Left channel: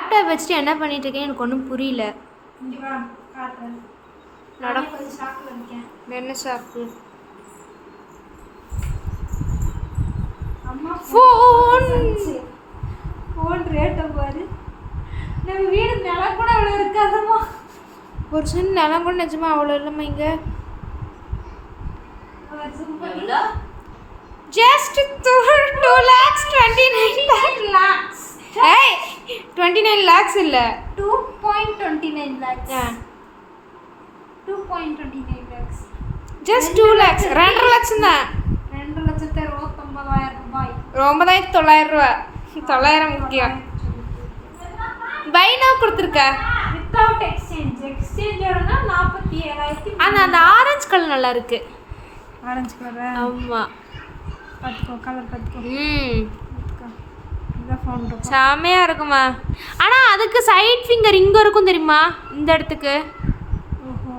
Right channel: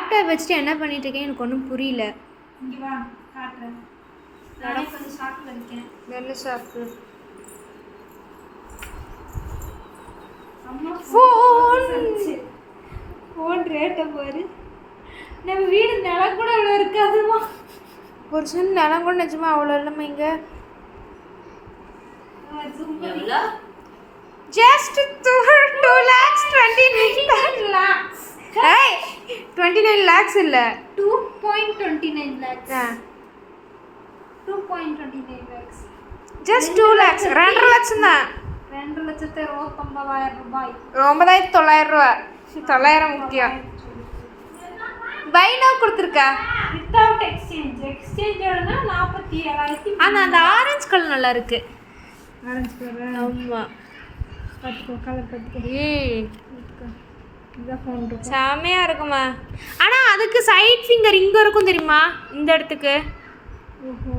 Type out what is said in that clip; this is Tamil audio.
லேப்டாப் வச்சுட்டு என்ன பண்ணிட்டு இருக்கேன் எனக்கு ஒன்றும் புரியல. இங்கே வா காட்டுறேன். நானே கொஞ்சம் ஷாப்பில் இருக்கேன். என்ன ஷாப்பு? அம்மா ஃபோன் ஃபோன் ரேட்டை பாரு. நம்ம வீடு நிலம் கூட அவ்வளோ இருக்காதுமா. ஒரு சின்ன நிலம் கூட நிஜமா அவ்வளோ இல்லைம்மா இங்கே. ஜஸ்ட் 2,29,00,000. ஏய் 29 lakhs இல்லை 2.29 lakhs. 2.29 lakhs. Just 2 lakhs. 2.5 lakhs தான். 2,29,000 ரூபாய். 9,900 ரூபா. 900 முக்கியம். பை நவ் கொடுத்துருக்கா வித்தவுட் எக்ஸ்சேஞ்ச். எக்ஸ்சேஞ்சோடனா 47,000. அந்த ஆரஞ்சு கலர் நல்லா இருக்கு. Orange colour. ஆமா பார்த்துக்கோ, கலர் பார்த்துக்கோ. செமையா இருக்குமா. ஆனா அதுக்கு சைட் ஃபிங்கர் இங்க இருக்கும் தெரியுமா, இந்த இடத்துக்கு. ஓஹோ